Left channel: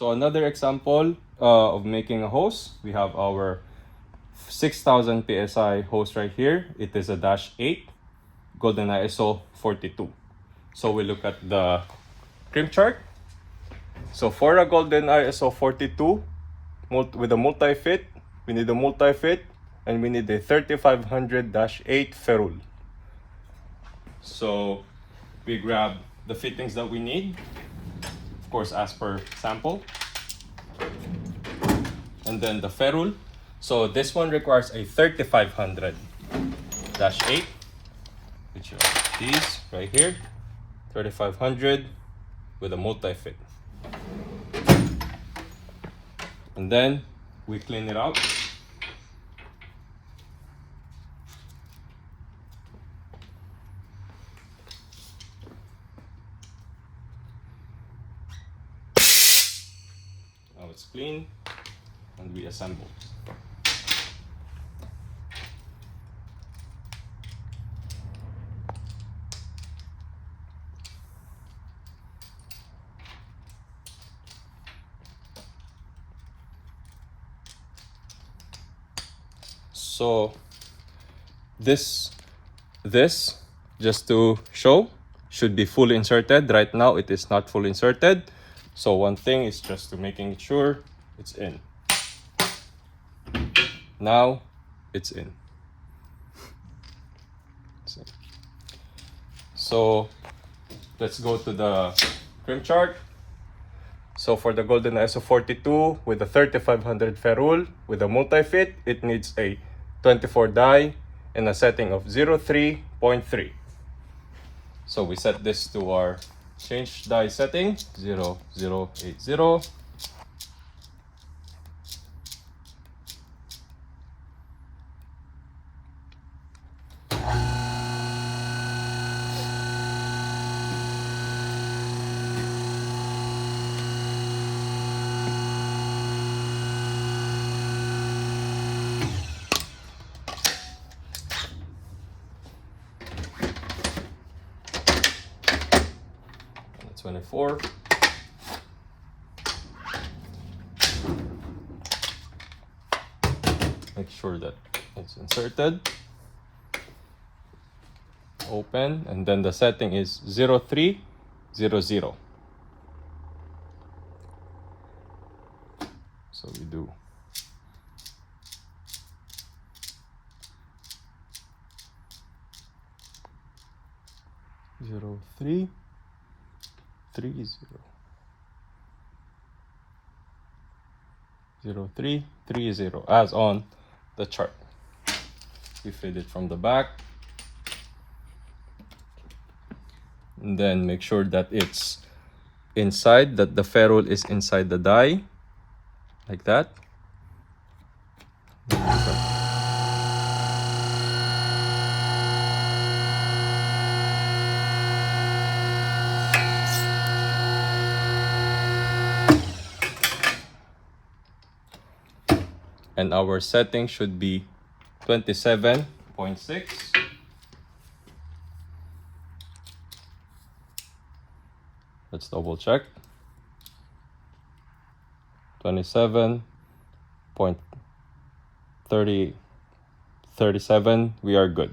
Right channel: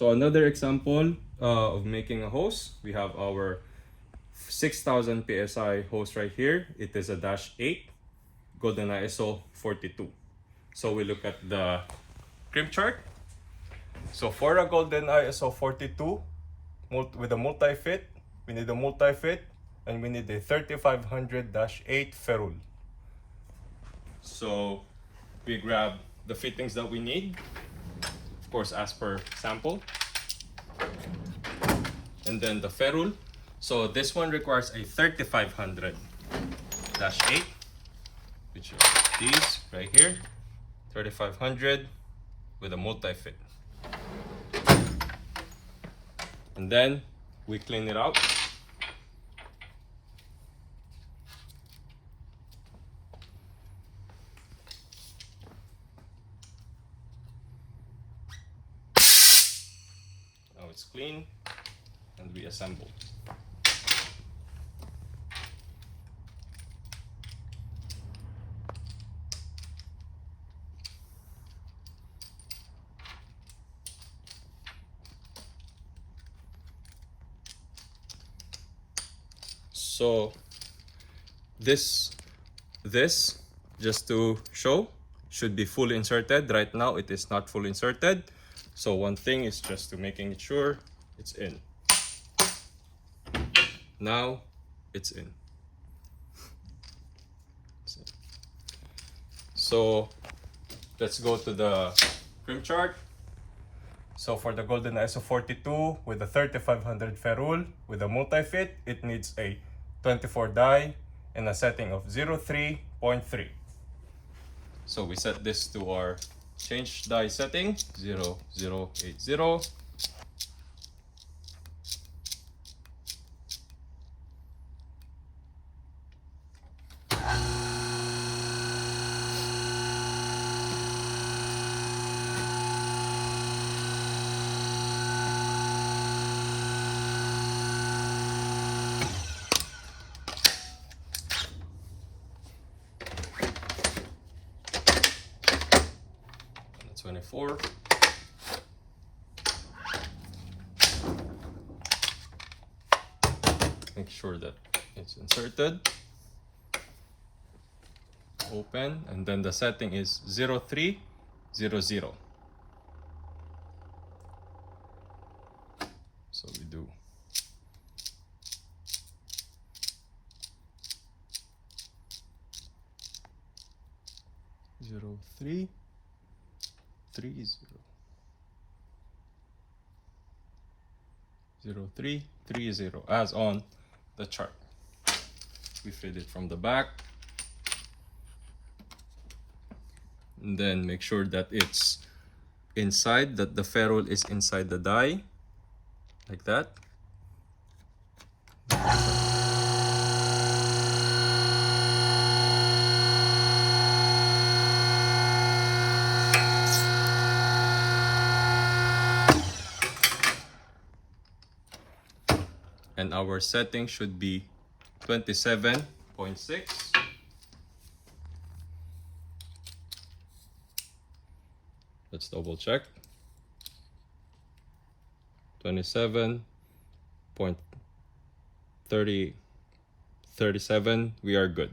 So another example of making a hose, we have our 6000 psi hose right here. It is a -8 Golden ISO 42. So we look at the crimp chart. So for a Golden ISO 42 with a multi-fit, we need a multi-fit and we need a 3500-8 ferrule. So we grab the fittings that we need, of course as per sample, and then the ferrule. So this one requires a 3500-8, which are these right here, 3500 with a multi-fit. And then we clean it out. Now it's clean and we assemble. So this just to show should be fully inserted. Right now it is not fully inserted. So one thing is just to making sure it's in. Now it's in. So let's go to the crimp chart. So for the Golden ISO 42 with a 3500 ferrule with a multi-fit, it needs a 24 die and a setting of 03.3. So we set this to our change die setting 0080. And 24. Make sure that it's inserted. Open, and then the setting is 0300. So we do 0330. 0330 as on the chart. We feed it from the back, and then make sure that it's inside, that the ferrule is inside the die, like that. And our setting should be 27.6. Let's double check. 27.37. We are good.